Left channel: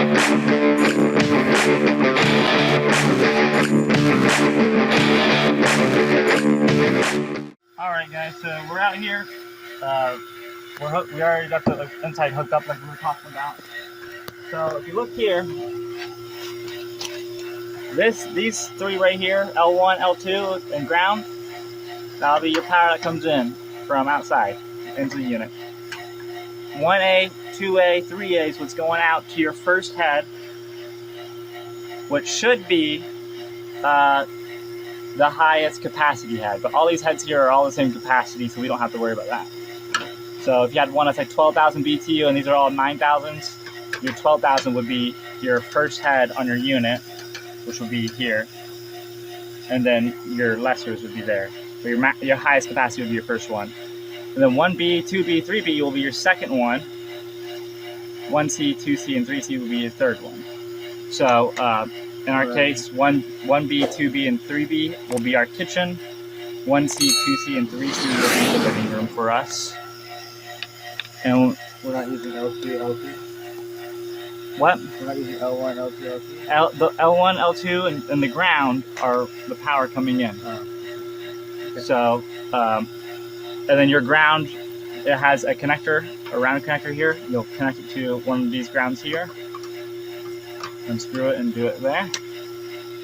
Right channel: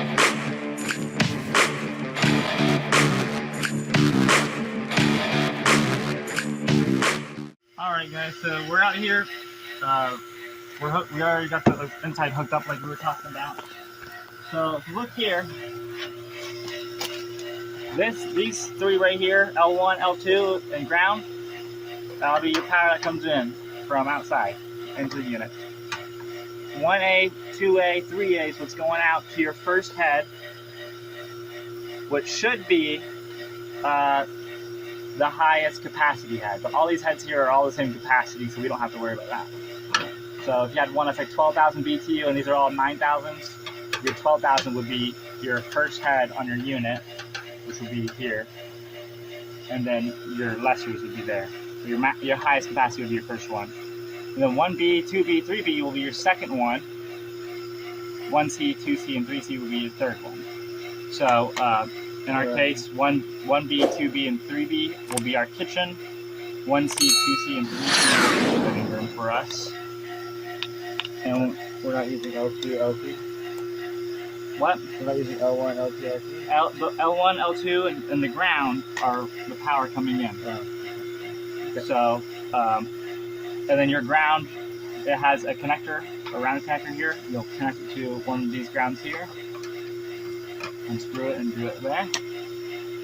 Alright guys, so we're out here. We already got the inside hooked up like we were talking about. So if you look here, these three right here, L1, L2, and ground, that'll be your power that comes in from outside into the unit. 1A, 2A, 3A is what's going out to your first head, which should be the highest capacity head. But all these heads here are all the same capacity, so we don't have to worry about that. So if you had one that's like 12,000 BTU and these are all 9,000s, your 12,000 would be your first head on your unit, which would be here. And then your lessers would be there. So your highest capacity would be your first one. And then 1B, 2B, 3B will be your second one. 1C, 2C, and 3C will be your third one. So in our case, 1B, 2B, and 3B will be our kitchen. 1C, 2C, and 3C will be the living room for us. And we're not using L2, L3? What? We're not using L1, L2, L3? The L1, L2, and the ground are the power coming in. Oh. Okay. So, and then your ground, it has a connector, a round connector here. You'll connect it to one of these grounds here. Unscrew it and do it there.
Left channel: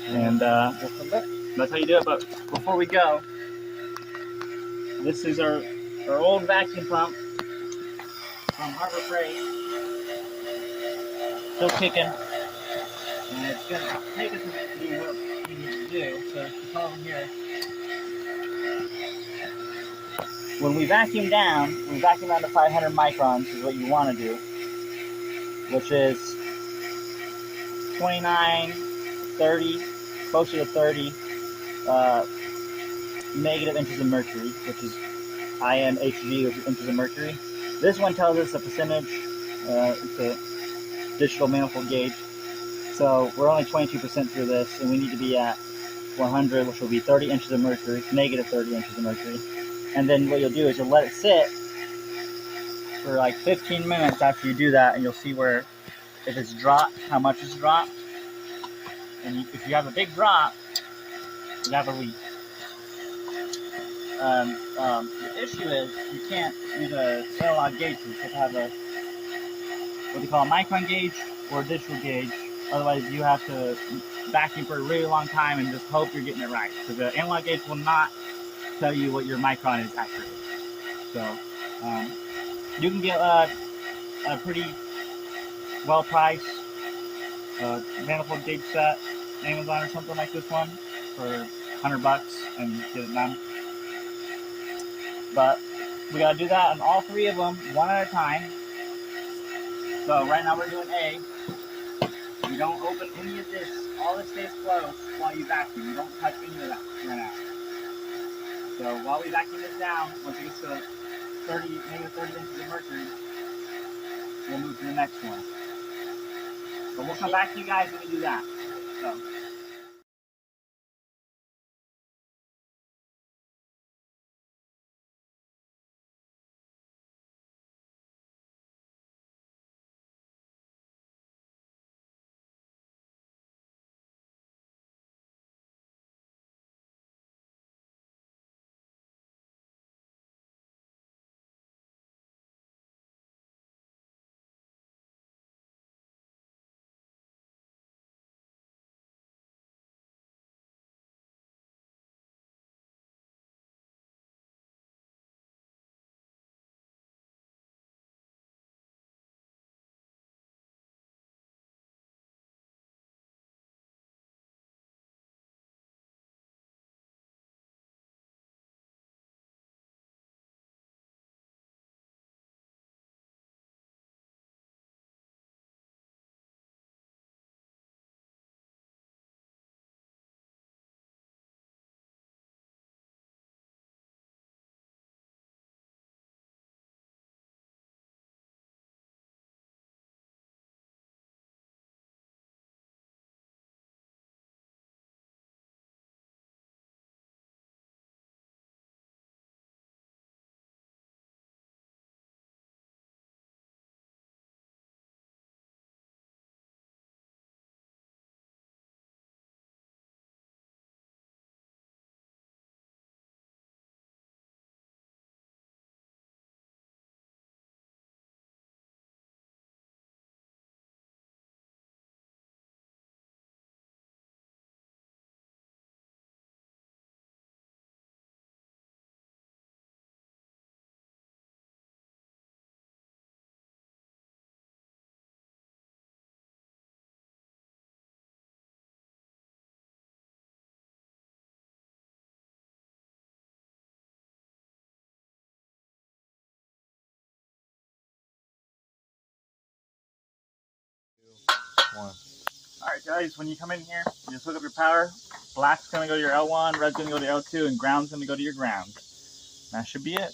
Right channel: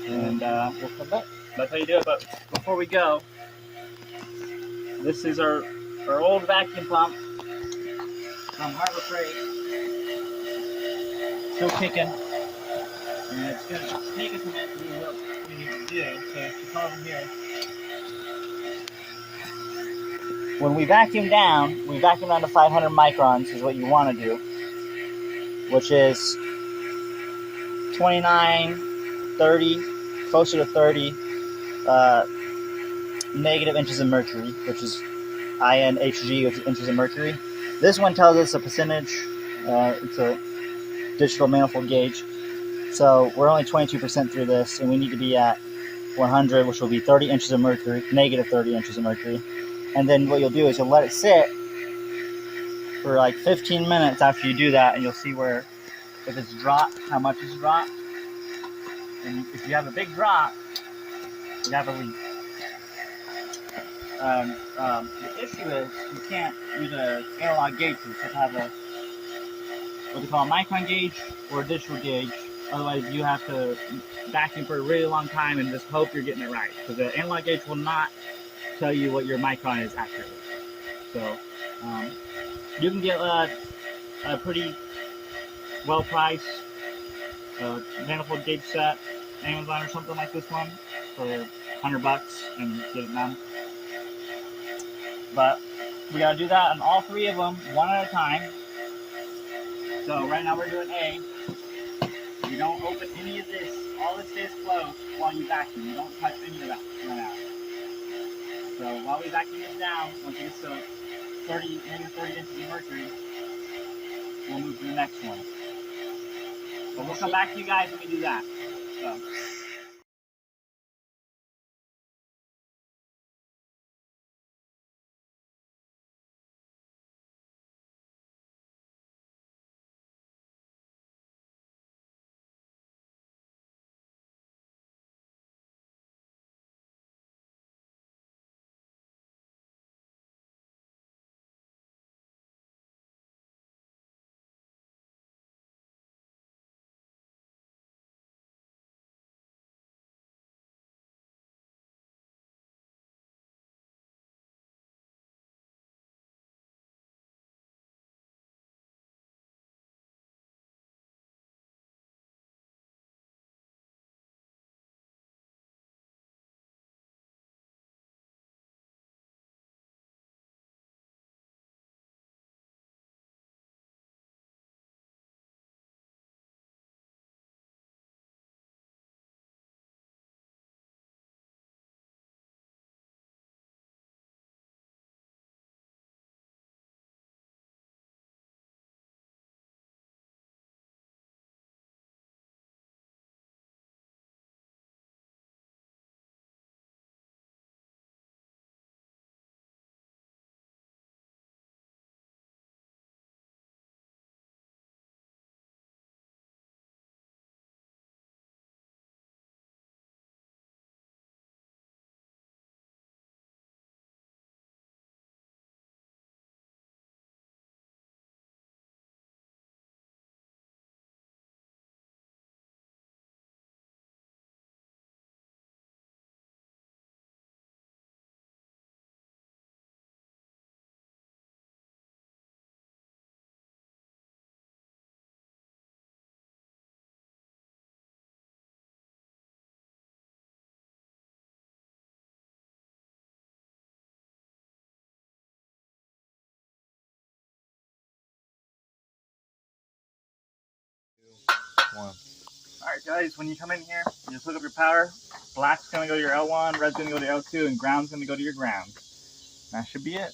And we'll come back. That's how you do it. But before we go, this is our old vacuum pump from Harbor Freight. Still kicking. And it's going to take us a minute to do what we need to do. So if you come over here, when we vacuum down to 500 microns is what you want to do, which is 29, 30, closer to 30 negative inches of mercury, which is INHG, which is inches of mercury. This one tells us a percentage. It's a digital manifold gauge. So we're only 22% through this, and we need to be at 100, which will be 30 inches of mercury, negative 30 inches of mercury. And then what you'll do is you'll let it sit for like 15 minutes after you do that, and you'll see where, if it's dropped, how much it's dropped. And if you have a big drop, you have a leak. The issue is you can't use an analog gauge. You have to have a what they call a micron gauge or a digital gauge. Otherwise, you have to vacuum for a really long time and just hope you're getting it right. Because the analog gauge will not tell you what your micron is accurately. So you can get a pretty well-priced manifold gauge set, Amazon or something like this one, for $100 and get it done. But we gotta do that on all three of them, one at a time. So right now we're doing A. You don't open any of this. All this stays closed while you vacuum. You don't touch any of that right now. So while we vacuum this down, once it gets to negative 30 inches of mercury, we'll move to the next one. But we'll come back to you guys when we do that. So. one. Alright guys, when you come in here, you just hook up your power. Black's gonna go to your L1, red's gonna go to L2, and ground's gonna go to your ground. That should be it.